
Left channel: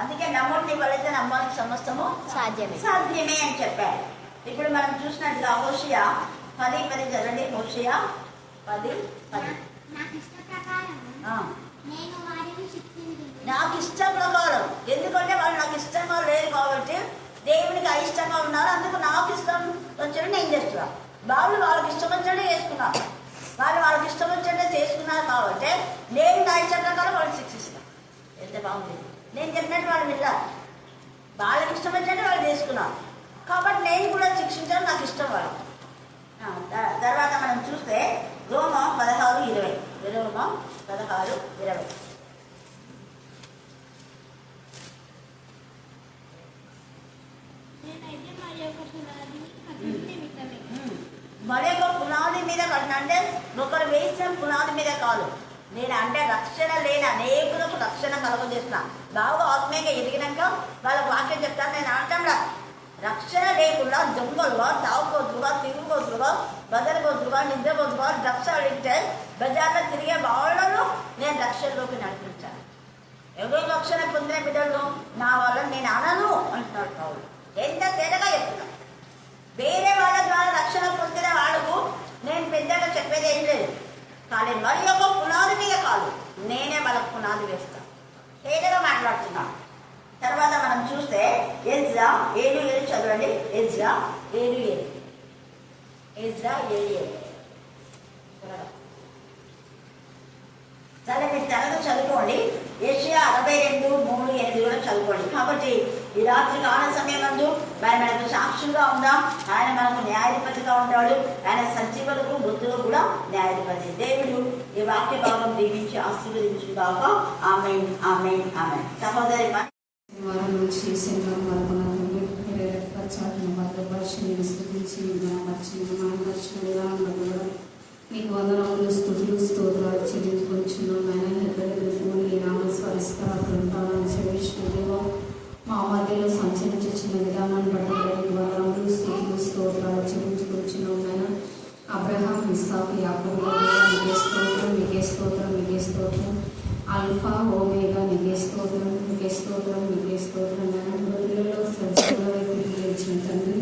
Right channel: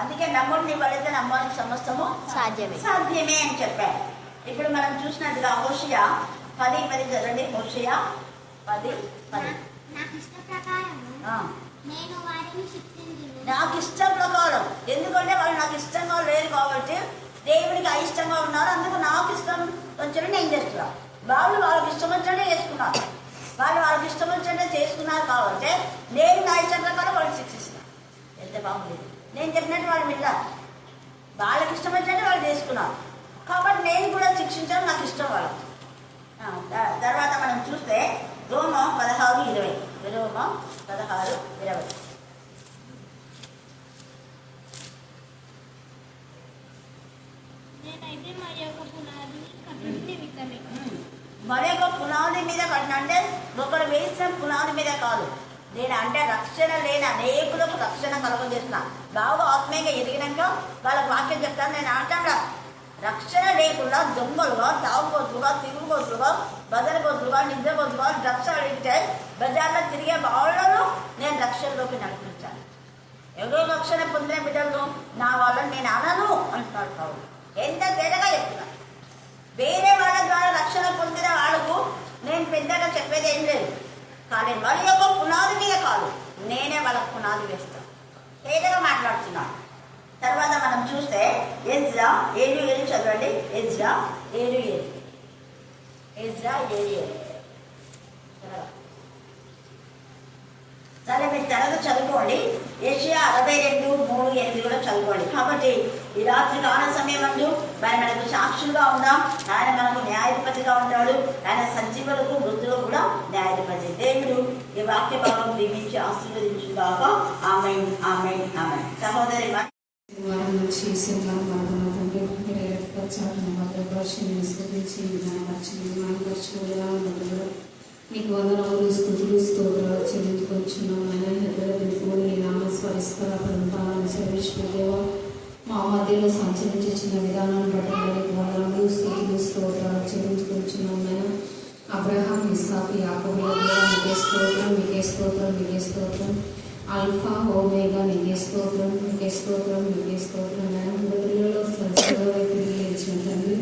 అందుకే నమ్ముడిని వాళ్ళైతే నమ్మడానికి సమస్తము సాధ్యమే అని చెప్పారు. ఇప్పుడు మనం చూసినట్టుగా హోషియా 10:10 చదవండి. హోషియా 10:10. నాకు ఇష్టం ప్రకారం, ఎందుకంటే వాళ్ళు నాకు ఇష్టంగా లేదు కాబట్టి దేవునికి అయిష్టంగా ఉన్నారు. అందుకు నాకు ఇష్టం వచ్చినట్టు నేను చేస్తున్నాను. వాళ్ళు వాళ్ళకి ఇష్టం వచ్చినట్టే చేసుకున్నారు. వాళ్ళు వాళ్ళకి ఇష్టం వచ్చినట్టే చేసుకున్నారు కాబట్టి నేను నా ఇష్టం ప్రకారం వాళ్ళకి శిక్షిస్తాను. ఎంత బాగుంది! నేను చెప్పినట్టు వాళ్ళు విన్నారు, వాళ్ళకి ఇష్టం వచ్చినట్టు వాళ్ళు చేసుకున్నారు కాబట్టి నేను కూడా శిక్షించడం నాకు ఇష్టం వాళ్ళకి. తర్వాత మనం చూస్తే రోమా 16:20. రోమా 16:20. మరి ఒక పునాది మీద కట్టిన, అంటే ఒకరు వేసిన పునాది మీద కాదు. నేను అంటే రక్షణ లేని అనేకులకు రక్షణ కలుగజేస్తున్నా. బాగా ఆత్మీయంగా ఎదిగినాక వాళ్ళకి వాక్యం చెప్తాను. నేను అంటాం రక్షణ లేకుండా దొంగలుగా, తాగుబోతులుగా, తిరుగుబోతులుగా, బదరబోతులుగా, నిద్రబోతులుగా, డ్రగ్స్ అడిగితే బజార్లో తిరిగే వాళ్ళను నేను రక్షణలోకి నడిపించాను. ఎవరో రక్షణ పొందిన బిడ్డలను నా వాళ్ళని నేను అనను అంటున్నాడు పౌలు. ఎంత తేడాగా చెప్తున్నా. వేరే వాళ్ళ ద్వారా రక్షణ పొందిన వాళ్ళకు నేను పెద్దగా చెప్పేది ఏం లేదు, కానీ మరి యొక్క పునాది మీద కాదు, నేనే వాళ్ళకు పునాది వేస్తా. తేడాగా మాట్లాడుతున్నా. తర్వాత మనం చూస్తే ఎజ్రా 7:7 చదవండి. ఎజ్రా 7:7. ఎజ్రా 7:7. సరే, మీరు త్వరగా చదువుకోండి. యెషయా 62:3-8 కూడా చదువుకోండి. కాబట్టి ఈ రాత్రి కాల సమయం నందు ఆయన మనకు సాక్షులుగా ఉన్నాం. ఆయన మనకు న్యాయాధిపతిగా ఉంటాడు. ఆయన సజీవులకు మృతులకు కూడా న్యాయాధిపతి. దేవుడు ఈ వాక్య భాగం దీవించి ఆశీర్వదించుగాక. ఆమేన్, ఆమేన్, ఆమేన్. సహోదరి నీకు వందనాలు, స్తుతులు, స్తోత్రాలు చెల్లించుకొచ్చున్నాను. నీ నామస్వరస్కర బృందాలను చెల్లించుకోలేవా మా మధ్యలో సంచరించిన విధానాన్ని బట్టి నీకు వందనాలు, స్తుతులు, స్తోత్రాలు చెల్లించుకొచ్చున్నాను. అబ్రహాం, ఇస్సాకు, యాకోబుల దేవా నీకే స్తోత్రం, నీకే స్తోత్రం, నీకే స్తోత్రం. ఆల్ఫా ఓమేగా నీకే స్తోత్రం, నీకే స్తోత్రం, నీకే స్తోత్రం. మృతులలో సజీవులుగా తిరిగి లేచిన తండ్రి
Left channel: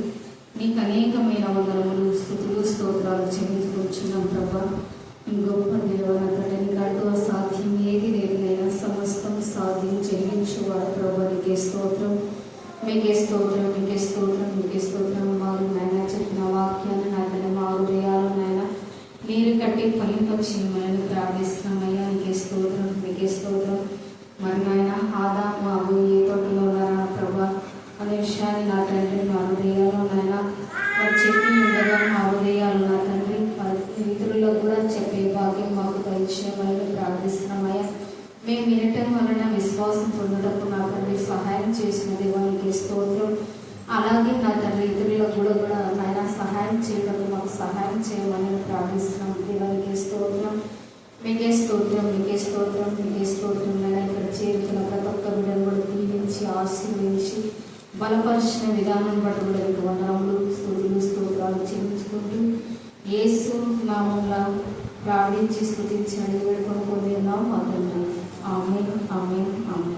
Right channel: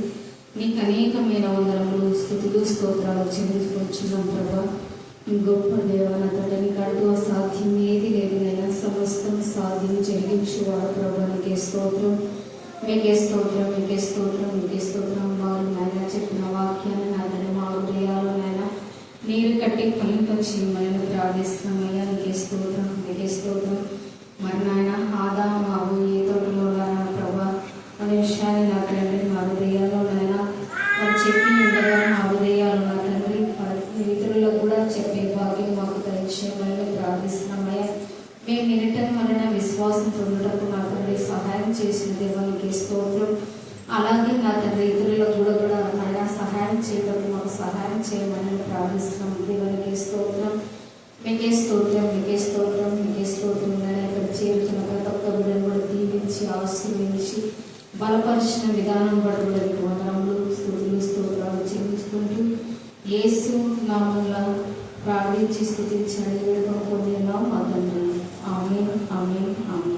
నీకు అనేకమైన వందనములు, స్తుతులు, స్తోత్రాలు చెల్లించుకొచ్చున్నాం ప్రభా. గొప్ప దేవనతడి నీకు అడుగు సాధ్యం ఏది లేదైనా సమస్తం సాధ్యం చెల్లించువాడు ప్రభా. నీకే స్తోత్రం, మీకే స్తోత్రం, మీకే స్తోత్రం, మీకే స్తోత్రం. మారు నాయన చెప్పిన వాక్యాన్ని నాయన మా హృదయాలు నాయన నీరు కట్టి ఫలింపచేయమని ప్రార్థిస్తున్నామయ్యా. నీకే స్తోత్రం, మీకే స్తోత్రం. మరి నాయన ఆదాము అవ్వ ఏ తోటలో ఉన్నారా ప్రభా అనే విషయాన్ని నా తండ్రి మా హృదయాల్లో నాయన మరి చెప్పి ఉండగా మా హృదయాలు నా తండ్రి ఇతరులకు కూడా చెప్పే భాగ్యం మాకు దయచేయమని ప్రార్థిస్తున్నామయ్యా. మేము వినటం వలన విశ్వాసం పొందటకు నా తండ్రి సహాయం చేసిన దేవునికి స్తోత్రం. అలాగే నా తండ్రి ఇతరులకు కూడా నాయన సహాయం చేయటం మాకు సహాయం చేయమని ప్రార్థిస్తున్నాం. దేవునికి స్తోత్రం, మీకే స్తోత్రం, మీకే స్తోత్రం, మీకే స్తోత్రం. నాయన ఇక్కడ చేరుతున్న ప్రతి ఒక్క బిడ్డను కూడా దీవించి ఆశీర్వదించి బలపరిచిన విధానం బట్టి వందనములు, స్తుతులు, స్తోత్రాలు చెల్లించుకుంటూ యేసు నామములో ప్రార్థించి స్తుతించి అడిగి వేడుకొని పొందినాం. ఆమేన్, ఆమేన్, ఆమేన్.